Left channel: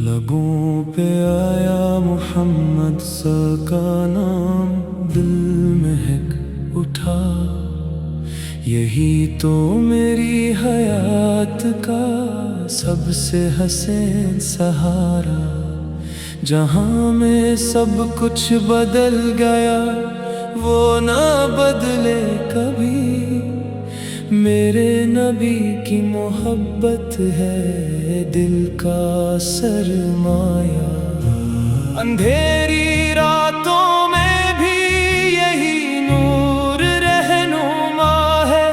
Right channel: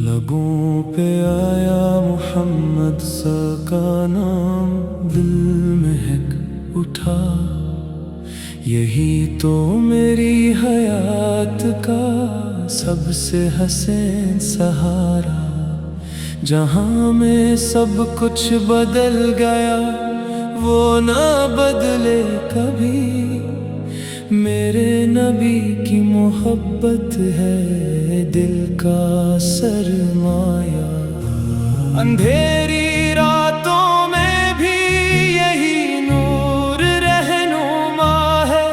لبوں پہ آیا محمد سا کا نام، دل مہک اٹھا، یہی تو میری حیات کا سب سے حسین سہارا۔ جہاں میں سب کچھ بدل گیا، وہ نہ بدلے کبھی، میرے نبی کی محبت ہے دل کا سرمایہ۔ اندھیری راتوں میں بھی یہی نور رہنما ہے،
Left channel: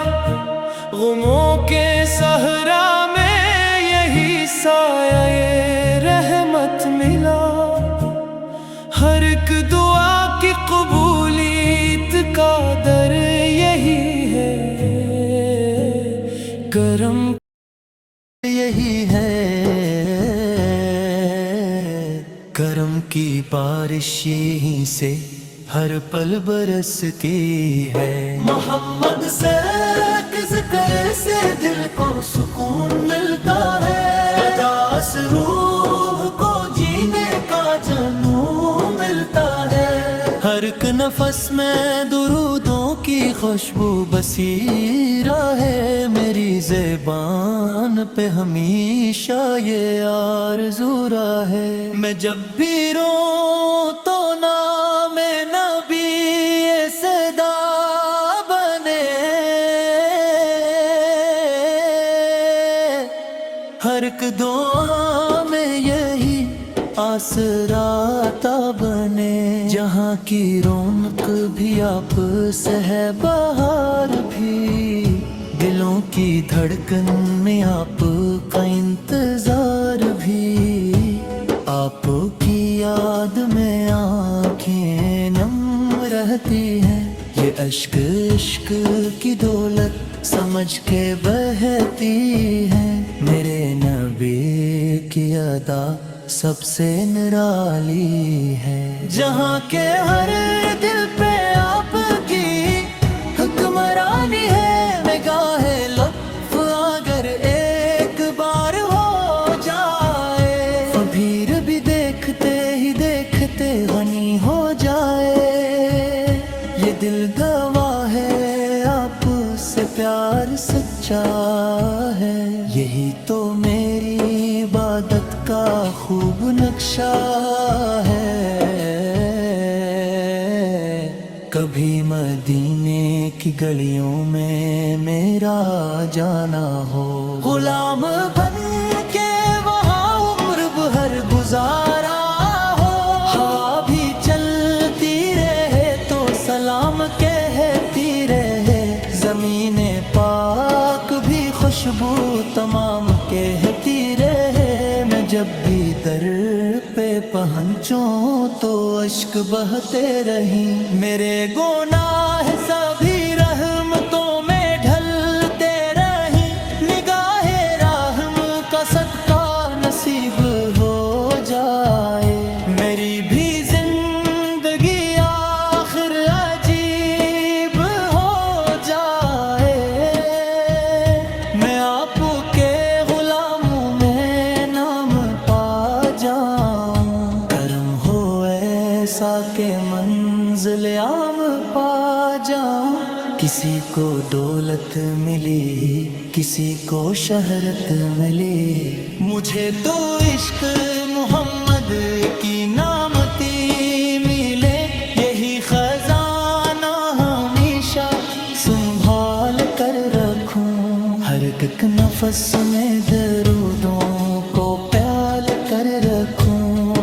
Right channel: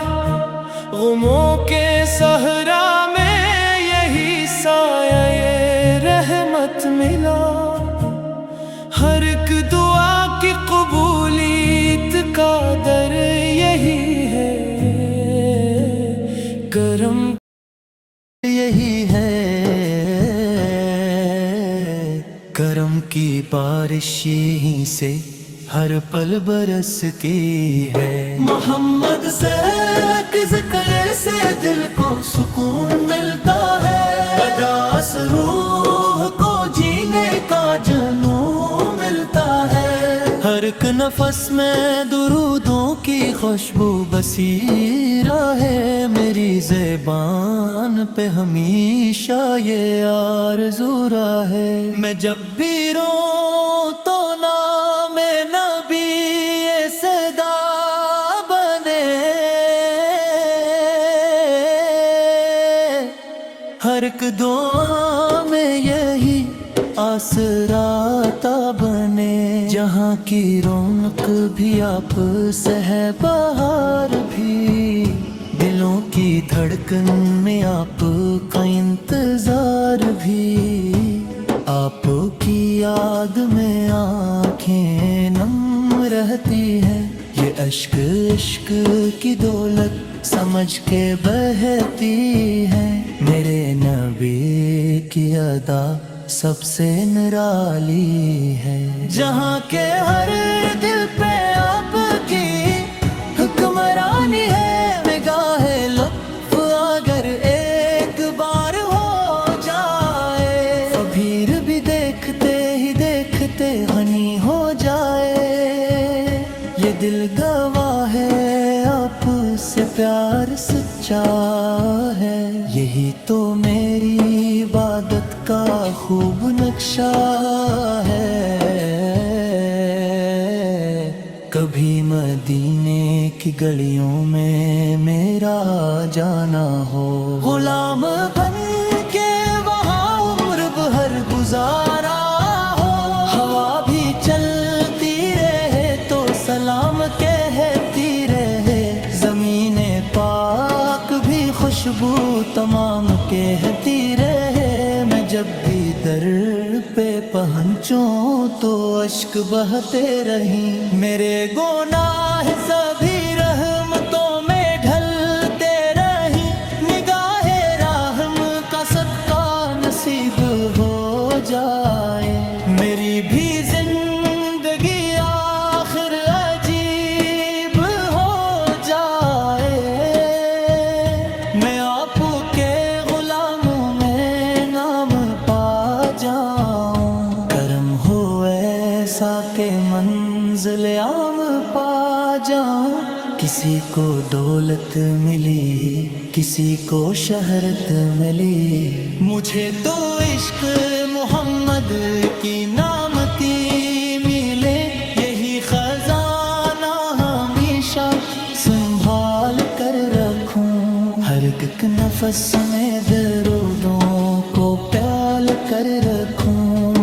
غموں کے صحرا میں یہی سایہ یہ رحمت ملا۔ ہر ایک دعا کی قبولیت کا در یہی ہے، کرم یہی ہے، کرم کی بارش یہیں سے ہر پل برستی ہے۔ محمد سے ایک ذکر سے دل کو سکون ملتا ہے، اجاس روح کو جینے کا جنون ملتا ہے۔ ہر ایک نفس میں درودوں کی خوشبو بسیرا ہے، میری زبان پہ ہمیشہ یہ آرزو ہے۔ میں جب بھی روں تو نام نبی یہ صدا بنے، ہر ایک دعا میں یہی آسراتا بنے۔ جہاں کی رونق بھی آپ سے ہے، بہار بھی، دلوں کی دھڑکن میں آپ کا انتظار بھی، آپ کی یاد میں آنکھیں نم رہتی ہیں، یہ اشک عشق کی دولت سمجھ کے بہتی ہیں۔ میرے نبی کی ادا سب سے نرالی ہے، جہاں کے ہر دل پہ آپ کی حکمرانی ہے۔ نگاہ لطف اگر ایک بار ہو جائے، پھر بھی دیکھتے ہی دیکھتے غنی ہو جائے۔ یہ دل گواہ ہے آپ سے پیار سچا ہے، یہی تو میری عبادت کا خوب نقشہ ہے۔ کبھی مدینے کی گلیوں میں میرا جانا ہو، غلام بن کے وہاں عمر بھر گزارا ہو، ہوا بھی چلتی رہے تو سلام کہتی رہے، زمین پاک بھی خوشبو تمام کہتی رہے۔ میں جب بھی در پہ پہنچوں تو اشک بہتے رہیں، میرے گناہ سبھی رحمتوں میں ڈھلتے رہیں، نگاہ رحم کا صدقہ نصیب ہو جائے، میری بھی زندگی آخر عجیب ہو جائے، میں آپ کے غلاموں میں نام پا جاؤں، کرم ہو ایسا کہ منزل عام پا جاؤں۔ کسی کو دولت ملی، کسی کو شہرت ملی، مجھے تو عشق محمد کی نامتی ملے، یہی خزانہ ہمیشہ سنبھال کر رکھوں، ہر ایک نفس میں درودوں کو پیال کر رکھوں۔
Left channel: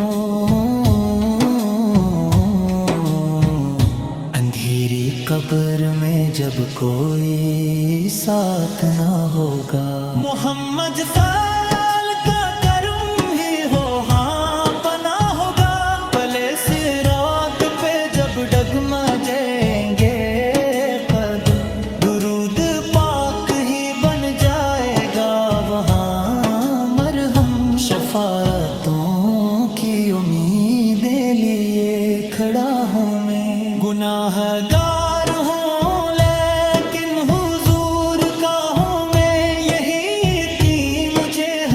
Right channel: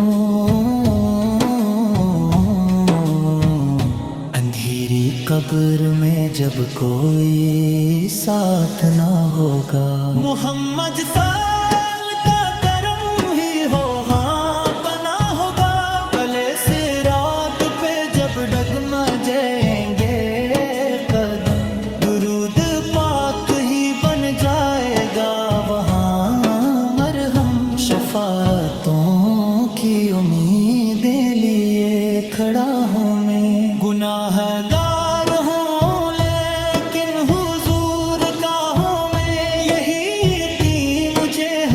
اندھیری قبر میں جب کوئی ساتھ نہ ہوگا، محمد فال کا کرم ہی ہو ہاں بنا ہوگا، پلے صراط پہ جب ڈگمگیں گے قدم، درود پاک ہی بن جائے گا وہاں مرہم۔ شفاعتوں کی امیدیں لیے کھڑا ہوں میں، گناہ گار ہوں لیکن حضور کا ہوں میں، یہی یقین